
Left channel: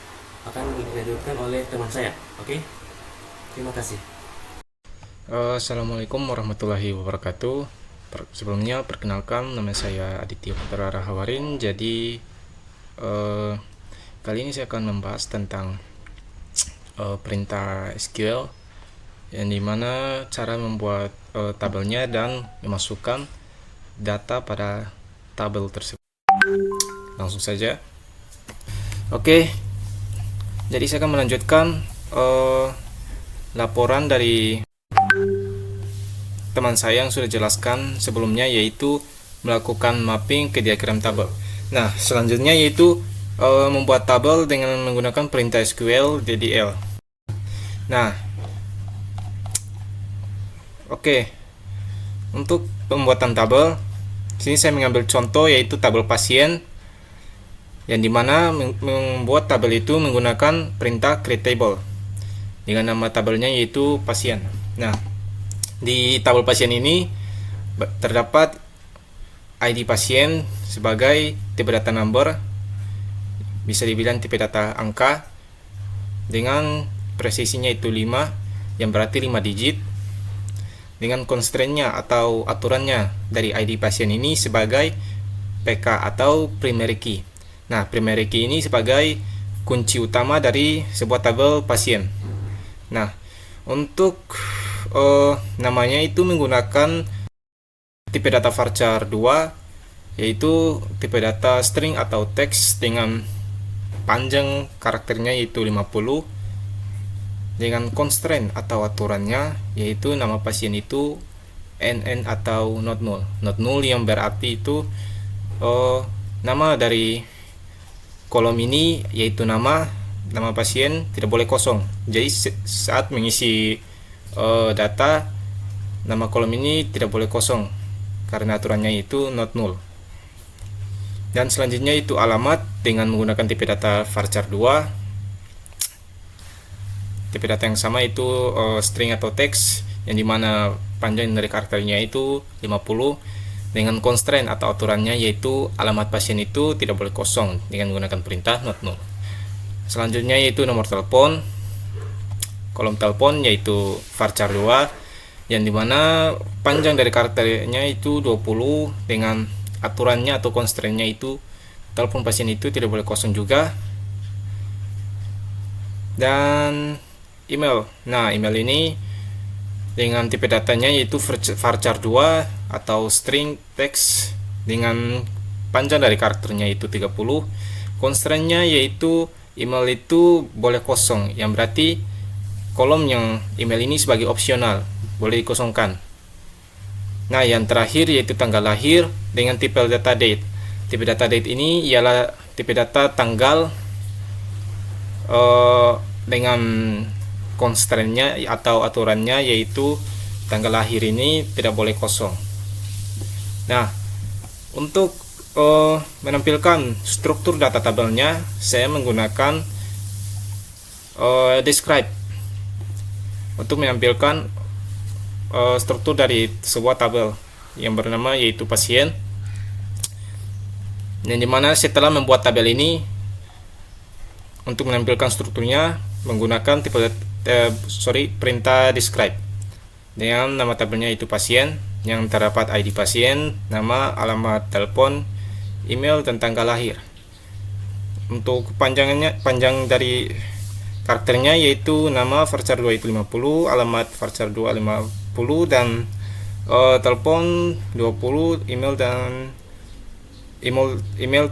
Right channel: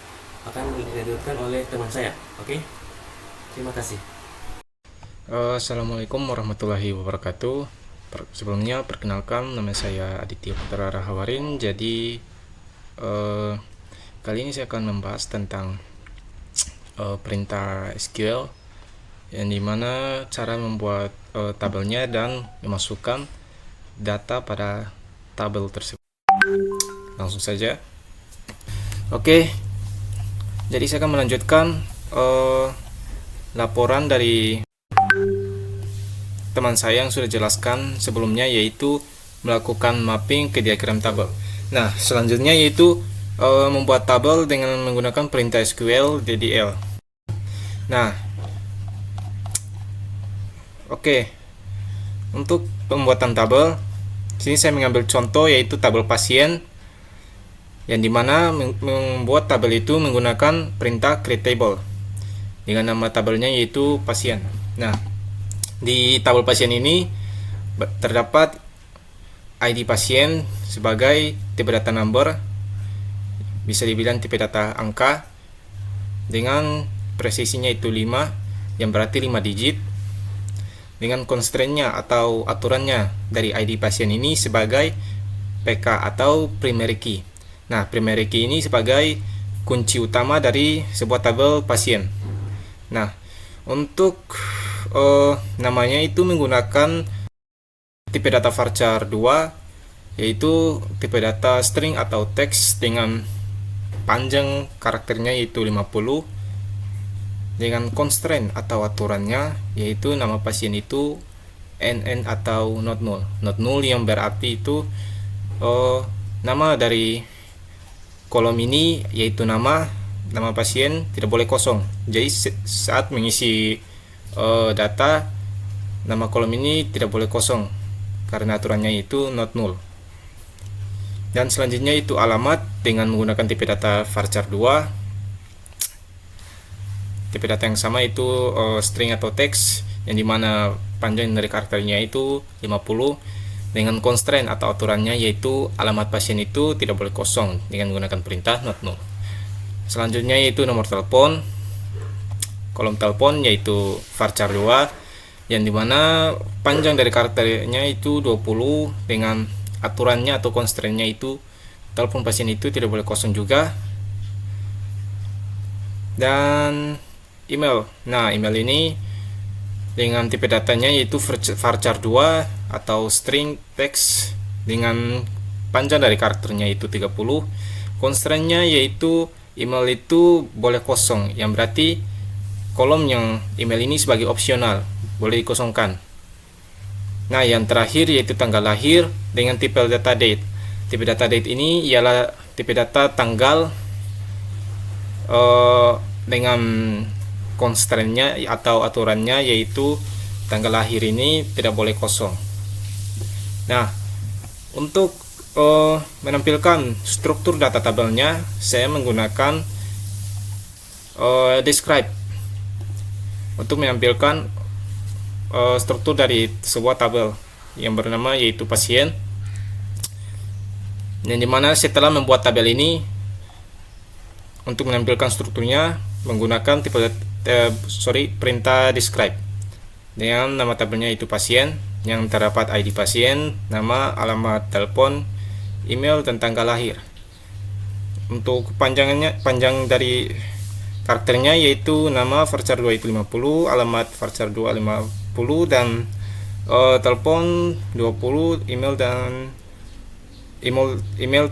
akan dilanjutkan oleh teman saya. Oke, terima kasih. Assalamualaikum warahmatullahi wabarakatuh. Sebelumnya perkenalkan, nama saya Aditya Putra Rahawarin. Jadi kali ini saya akan membahas tentang perintah SQL, yang dimana cara membuat tabelnya dan memasukkan data pada tabel tersebut. Langsung saja. Oke, jadi saya akan melanjutkan laporan dari teman saya yang sudah jelaskan sebelumnya, yaitu melakukan mapping ke diagram tabel. Nah, selanjutnya yaitu membuat tabel dengan menggunakan perintah SQL DDL. Nah, oke, untuk pembuatan tabel, sini saya mengambil contoh yaitu tabel pasien, yang dimana membuat tabel itu menggunakan perintah create table dengan nama tabelnya yaitu pasien. Nah, di tabel pasien ini terdapat ID pasien sebagai tipe data number, bisa dibilang tipe data angka, dengan presisinya itu 5, yang berarti 5 digit, dengan constraint-nya atau aturannya dari ID pasien ini sebagai PK atau primary key. Nah, primary key ini sebagai kunci utama dari sebuah tabel pasien. Nah, untuk namanya itu menggunakan tipe data varchar 2, yaitu tipe data string atau teks dengan panjang karakternya yaitu 50, dengan constraint atau aturannya yaitu nama pasien itu NN atau not null. Not null yang berarti itu nama dari kolom ini yaitu nama pasien tidak boleh kosong. Jadi saat mengisi data, nama kolom ini tidak boleh kosong karena aturannya itu not null. Dan selanjutnya itu alamat dengan menggunakan tipe data varchar 2, tipe data yang sama itu string atau teks, yang dimana panjang dari karakternya itu 50, dengan constraint atau aturannya yaitu alamat pasien itu tidak boleh kosong dengan menggunakan perintah not null. Selanjutnya yaitu nomor telepon, kolom telepon yaitu varchar 2, yang dimana panjang dari karakternya itu 20, dengan aturannya atau constraint-nya itu telepon pasien itu tidak boleh kosong juga. Dan email, nah email ini dengan tipe datanya yaitu varchar 2 atau string text, dengan panjang dari karakternya itu 30, constraint-nya yaitu email itu boleh kosong, yang berarti kolom yang email ini sebagai opsional, boleh dikosongkan. Nah, yang terakhir yaitu tanggal lahir dengan tipe data date. Tipe data date ini ialah tipe data tanggal dengan constraint-nya atau aturannya yaitu tanggal lahir ini tidak boleh kosong. Nah, untuk menampilkan struktur data tabelnya, saya menggunakan describe untuk menampilkan struktur dari sebuah tabel yang bernama yaitu pasien, yang dimana setelah membuat tabel ini, untuk menampilkan strukturnya menggunakan perintah describe dengan nama tabelnya itu pasien, yang terdapat ID pasien, nama, alamat telepon, email, dan tanggal lahir. Untuk panjang dari karakternya yaitu nama varchar 2 itu 50, alamat varchar 2 50, dan telepon 20, email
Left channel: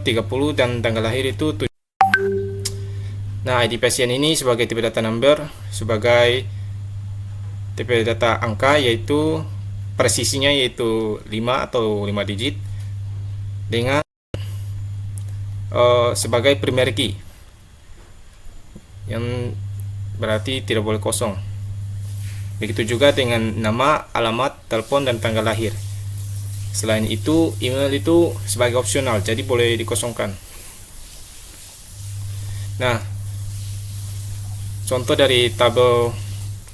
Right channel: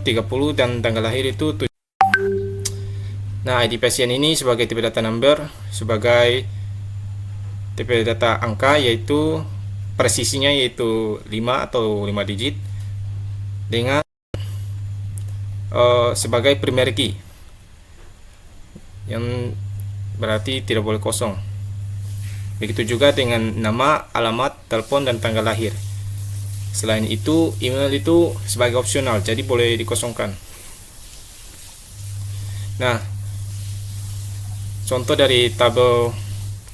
30, dan tanggal lahir itu 7. Nah, ID pasien ini sebagai tipe data number, sebagai tipe data angka yaitu presisinya yaitu 5 atau 5 digit, dengan sebagai primary key, yang berarti tidak boleh kosong. Begitu juga dengan nama, alamat, telepon, dan tanggal lahir. Selain itu, email itu sebagai opsional, jadi boleh dikosongkan. Nah, contoh dari tabel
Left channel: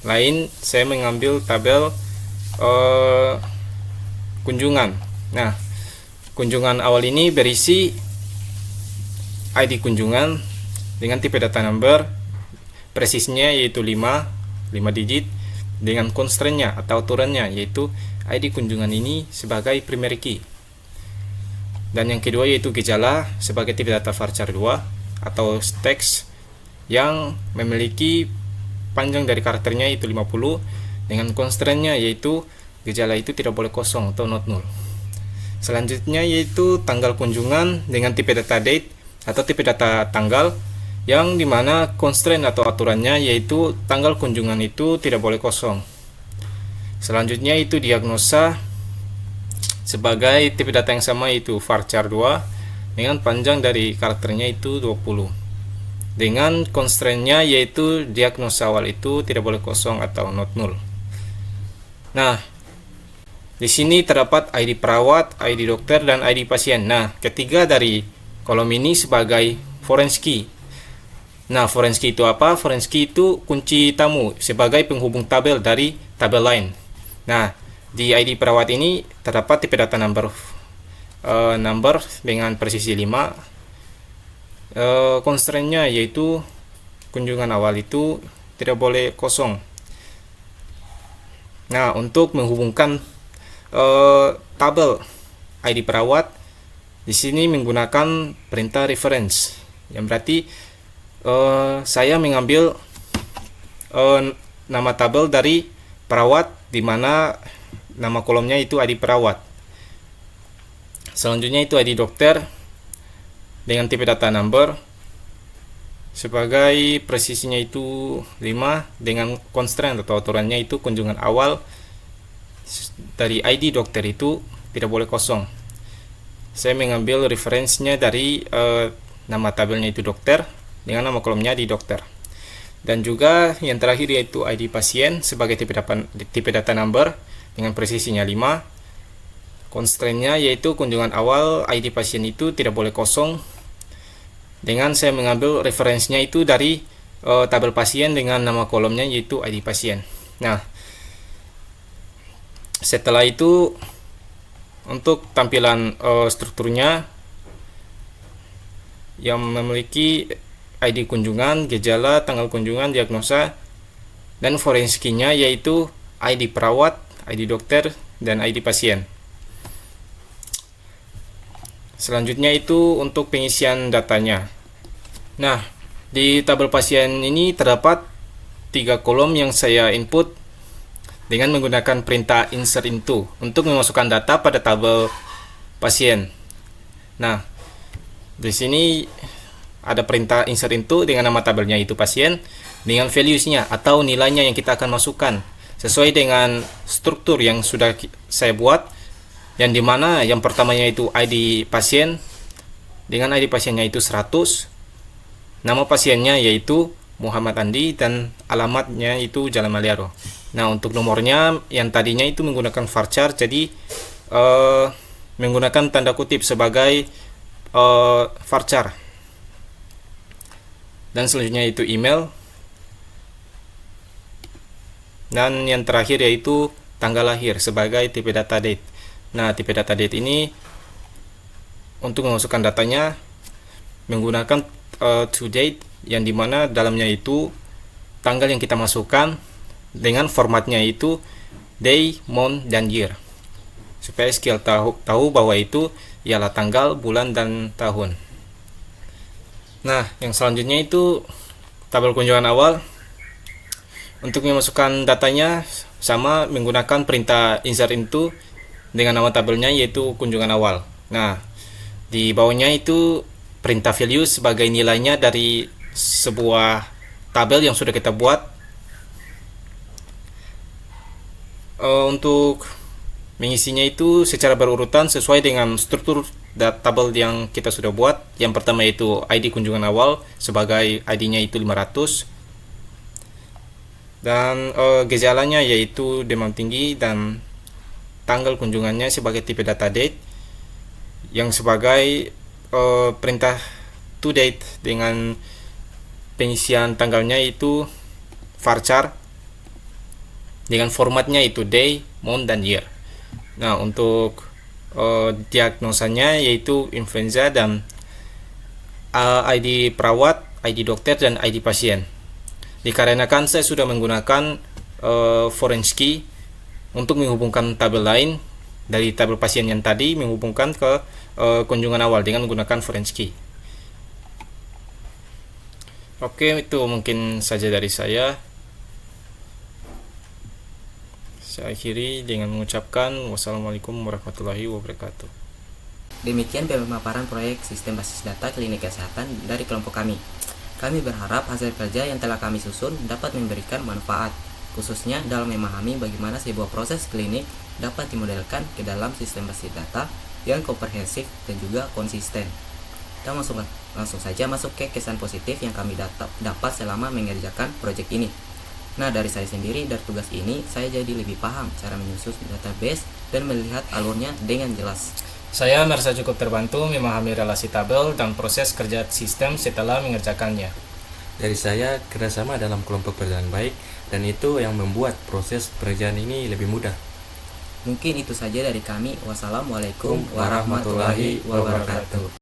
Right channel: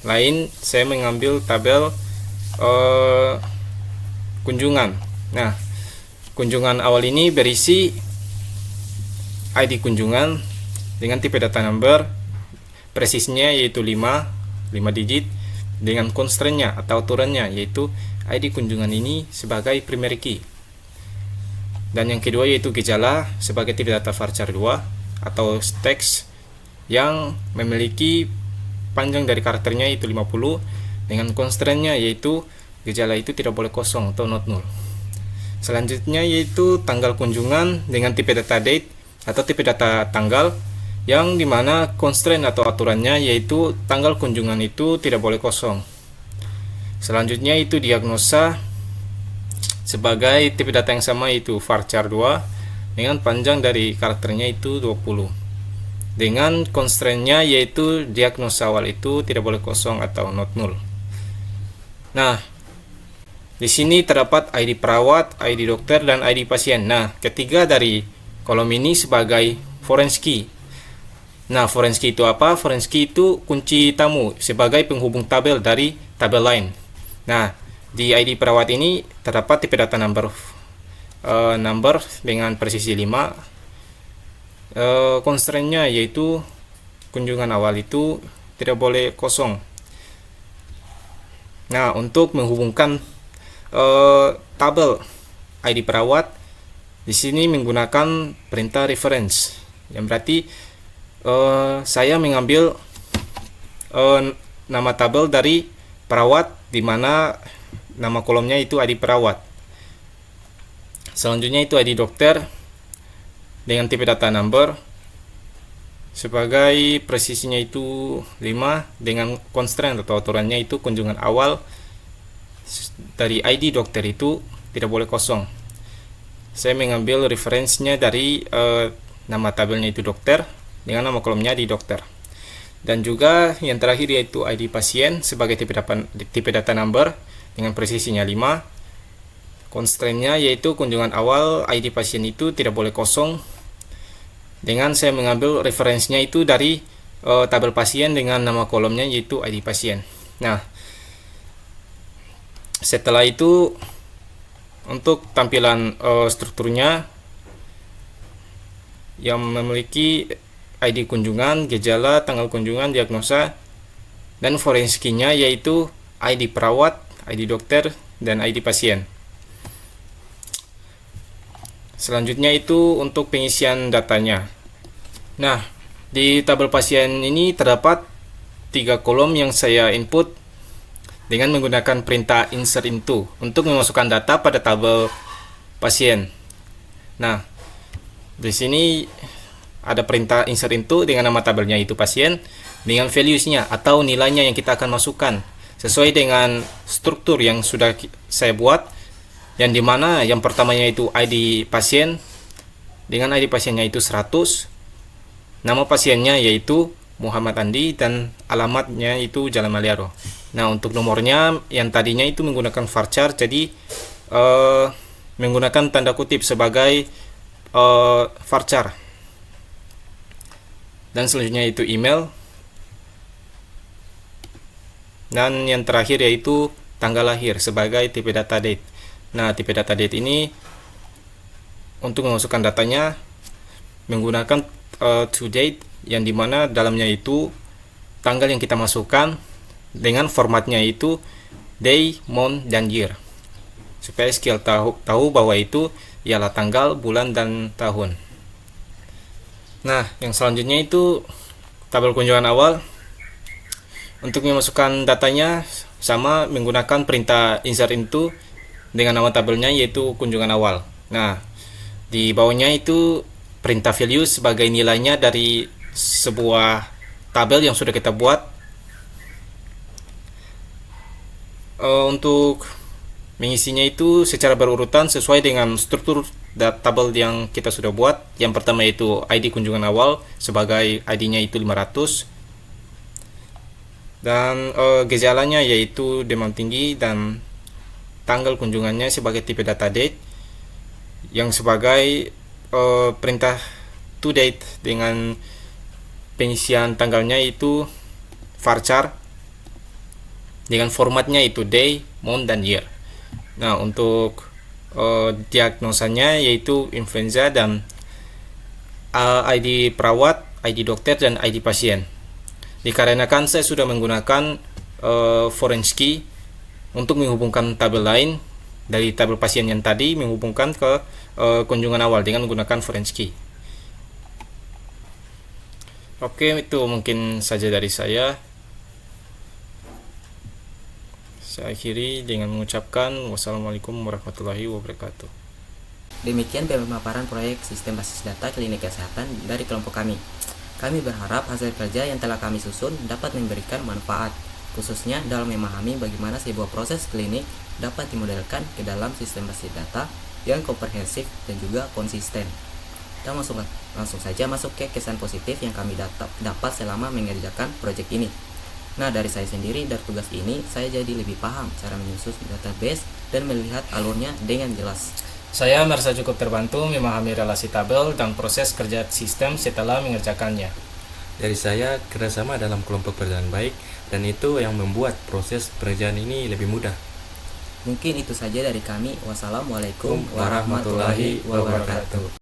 lain, saya mengambil tabel kunjungan. Nah, kunjungan awal ini berisi ID kunjungan dengan tipe data number, presisnya yaitu 5 digit, dengan constraint-nya atau aturannya yaitu ID kunjungan ini sebagai primary key. Dan yang kedua yaitu gejala sebagai tipe data varchar 2 atau teks yang memiliki panjang dari karakternya itu 50 dengan constraint-nya yaitu gejala itu tidak boleh kosong atau not null. Selanjutnya yaitu tanggal kunjungan dengan tipe data date atau tipe data tanggal, yang dimana constraint atau aturannya yaitu tanggal kunjungan itu tidak boleh kosong. Selanjutnya itu diagnosa sebagai tipe data yang sama yaitu varchar 2 dengan panjang dari karakternya itu 20 dengan constraint-nya yaitu diagnosa awal itu tidak boleh kosong atau not null. Nah, di sini terdapat ID perawat, ID dokter, dan ID pasien. Nah, ketiga dari kolom ini sebagai foreign key. Nah, foreign key itu apa? Foreign key itu kunci tamu sebagai penghubung tabel dari tabel lain. Nah, di ID perawat ini terdapat tipe data number dengan presisi 5. Constraint-nya yaitu kunjungan awal itu tidak boleh kosong. Nah, untuk menghubungkan tabel ID perawat, di sini menggunakan perintah reference, yang berarti saya mengambil nama tabel dari perawat, di mana nama kolomnya itu ID perawat. Selanjutnya itu ID dokter dengan tipe data number sebagai presisinya itu 5 dengan constraint atau aturannya itu kunjungan awal dari ID dokter itu tidak boleh kosong. Saya mengambil referensinya dari nama tabelnya itu dokter dengan nama kolomnya di dokter. Dan juga yang terakhir yaitu ID pasien sebagai tipe data number dengan presisinya 5. Constraint-nya yaitu kunjungan awal ID pasien itu tidak boleh kosong. Dengan saya mengambil referensinya itu dari tabel pasien dengan nama kolomnya yaitu ID pasien. Nah, setelah itu untuk tampilan strukturnya yang memiliki ID kunjungan, gejala, tanggal kunjungan, diagnosa, dan foreign key-nya yaitu ID perawat, ID dokter, dan ID pasien. Selanjutnya itu untuk pengisian datanya. Nah, di tabel pasien ini terdapat 3 kolom yang saya input dengan menggunakan perintah insert into untuk memasukkan data pada tabel pasien. Nah, di sini ada perintah insert into dengan nama tabelnya itu pasien dengan values-nya atau nilainya yang kita akan masukkan sesuai dengan struktur yang sudah saya buat, yang dimana yang pertamanya itu ID pasien dengan ID pasiennya itu 100, nama pasiennya yaitu Muhammad Andi, dan alamatnya itu Jalan Maliaro. Nah, untuk nomornya yang tadinya itu menggunakan varchar, jadi menggunakan tanda kutip sebagai varchar. Dan selanjutnya itu email. Dan yang terakhir yaitu tanggal lahir sebagai tipe data date. Nah, tipe data date ini untuk memasukkan datanya menggunakan to date, yang dimana dalamnya itu tanggal yang kita masukkan dengan formatnya itu day, month, dan year, supaya SQL tahu bahwa itu ialah tanggal, bulan, dan tahun. Nah, yang selanjutnya itu tabel kunjungan awal. Untuk memasukkan datanya sama menggunakan perintah insert into dengan nama tabelnya yaitu kunjungan awal. Nah, di bawahnya itu perintah value sebagai nilainya dari sebuah tabel yang sudah kita buat. Untuk mengisinya itu secara berurutan sesuai dengan struktur tabel yang kita sudah buat. Yang pertama itu ID kunjungan awal sebagai ID-nya itu 500, dan gejalanya yaitu demam tinggi dan tanggal kunjungannya sebagai tipe data date, yang sebagai perintah to date dengan pengisian tanggalnya itu varchar dengan formatnya itu day, month, dan year. Nah, untuk diagnosanya yaitu influenza dan ID perawat, ID dokter, dan ID pasien. Dikarenakan saya sudah menggunakan foreign key untuk menghubungkan tabel lain dari tabel pasien yang tadi, menghubungkan ke kunjungan awal dengan menggunakan foreign key. Oke, itu mungkin saja dari saya. Saya akhiri dengan mengucapkan wassalamualaikum warahmatullahi wabarakatuh. Demikian pemaparan proyek sistem basis data klinik kesehatan dari kelompok kami. Kami berharap hasil kerja yang telah kami susun dapat memberikan manfaat, khususnya dalam memahami bagaimana sebuah proses klinik dapat dimodelkan ke dalam sistem basis data yang komprehensif dan juga konsisten. Kita langsung saja masuk ke kesan positif yang kami dapat selama mengerjakan proyek ini. Nah, dari saya sendiri, dari tugas ini, saya jadi lebih paham cara menyusun database dan melihat alurnya dengan jelas. Saya merasa cukup terbantu memahami relasi tabel dan proses kerja sistem setelah mengerjakannya. Dari saya, kerjasama dalam kelompok berjalan baik, dan itu yang membuat proses pekerjaan ini lebih mudah. Mungkin itu saja dari kami. Wassalamualaikum warahmatullahi wabarakatuh.